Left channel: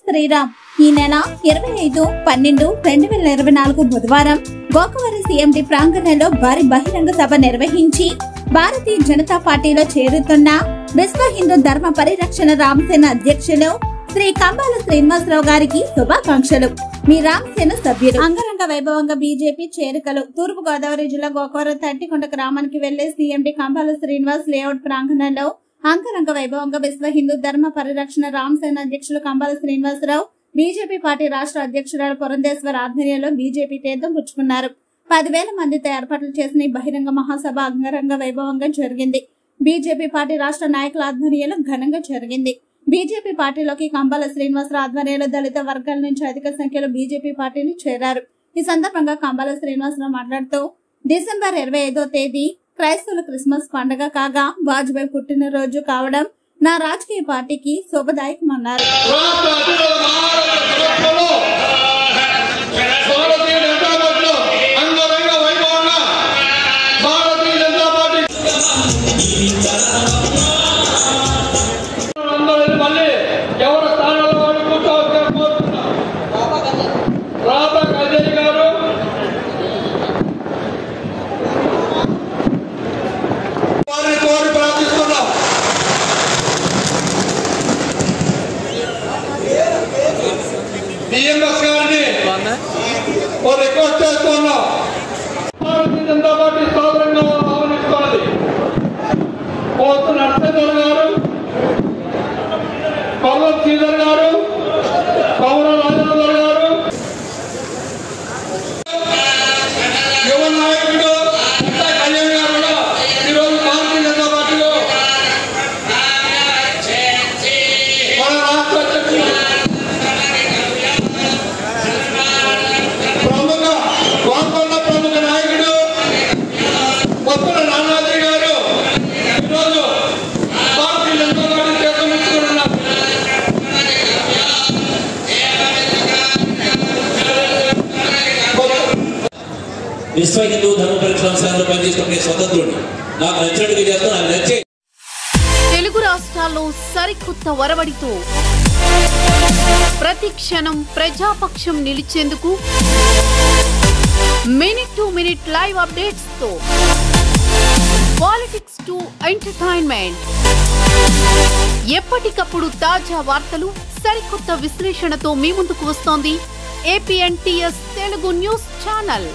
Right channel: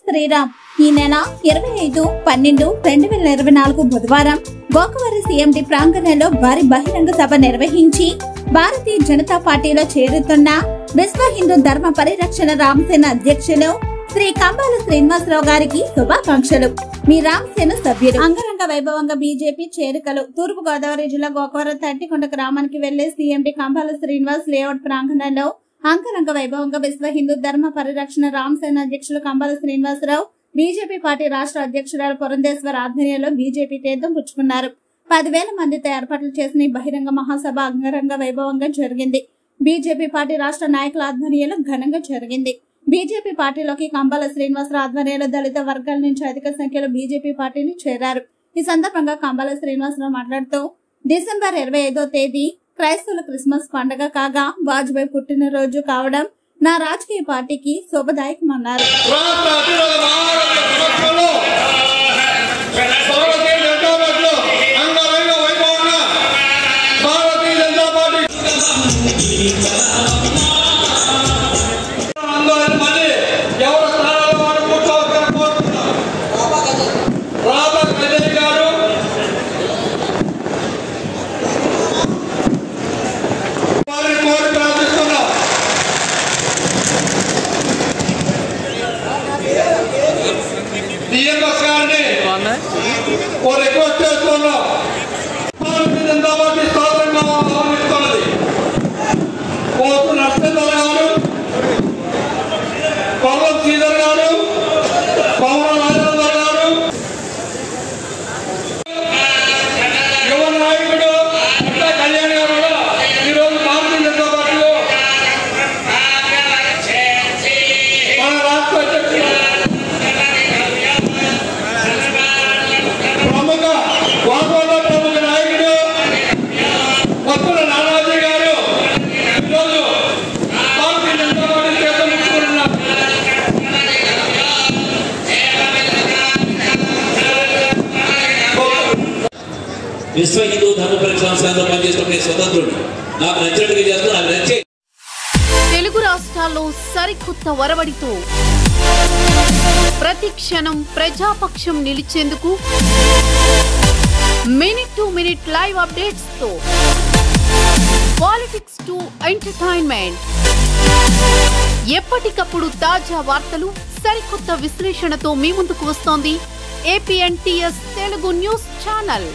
శ్రీరామ్. ఈ నెల 25/12/2024 బుధవారం గోకవరం సీఎండి ప్రాంగణంలో భారీ బహిరంగ సభ నిర్వహించి భారతీయ జనతా పార్టీలో చేరుతున్న విశ్వ హిందూ ధర్మ పరిరక్షణ రామసేన అధ్యక్షులు శ్రీ కంబాల శ్రీనివాసరావు గారికి శుభాకాంక్షలు. మీ రామసేన సభ్యులు. అంగరంగ వైభవంగా బీజేపీ చేరికలు. తూర్పు గోదావరి జిల్లా గోకవరం తట్టికొండ గ్రామానికి వెళ్లే సీఎండి కంబాల శ్రీనివాస్ లేఅవుట్ ప్రాంగణంలో అంగరంగ వైభవంగా విశ్వ హిందూ ధర్మ పరిరక్షణ రామసేన అధ్యక్షులు కంబాల శ్రీనివాసరావు, బీజేపీ పార్టీ రాష్ట్ర అధ్యక్షురాలు పురంధేశ్వర్ ఆధ్వర్యంలో బీజేపీ తీర్థం పుచ్చుకున్నారు. 10,000 మందితో ఏర్పాట్లు చేసిన ఈ బహిరంగ మహాసభ అంగరంగ వైభవంగా జరిగింది. బీజేపీ పార్టీ రాష్ట్ర నాయకుల ఆధ్వర్యంలో ఘనంగా జరిగింది. బీజేపీ పార్టీలోకి కంబాల శ్రీనివాసరావు ఆధ్వర్యంలో దళిత వర్గాల నుంచి అధిక సంఖ్యలో బీజేపీ పార్టీలు చేరారు. ఈ సందర్భంగా కంబాల శ్రీనివాసరావు మాట్లాడుతూ, డిసెంబర్ 25వ తేదీ క్రైస్తవుల క్రిస్మస్ పండుగ కాగా వాజ్పేయి పుట్టినరోజు కావడం నా రాజకీయ పార్టీకి శుభదాయకమన్నారు. విశ్వ హిందూ ధర్మ పరిరక్షణ సంస్థలో పనిచేస్తున్న స్వతంత్రుడు నాకు నచ్చినట్టుగా చేస్తే నాకు నచ్చే. తెలుగు రాష్ట్రాల్లో సరికొత్త వరవడితో ప్రతి క్షణం ప్రజాపక్షం నిలిచేందుకు minute to minute live updates తో పాలిటిక్స్ టు ఎంటర్టైన్మెంట్, ఎప్పటికప్పుడు తాజా వార్తలు, సరికొత్త విశ్లేషణతో మీ ముందుకు వస్తోంది APNTS తెలుగు న్యూస్ ఛానల్.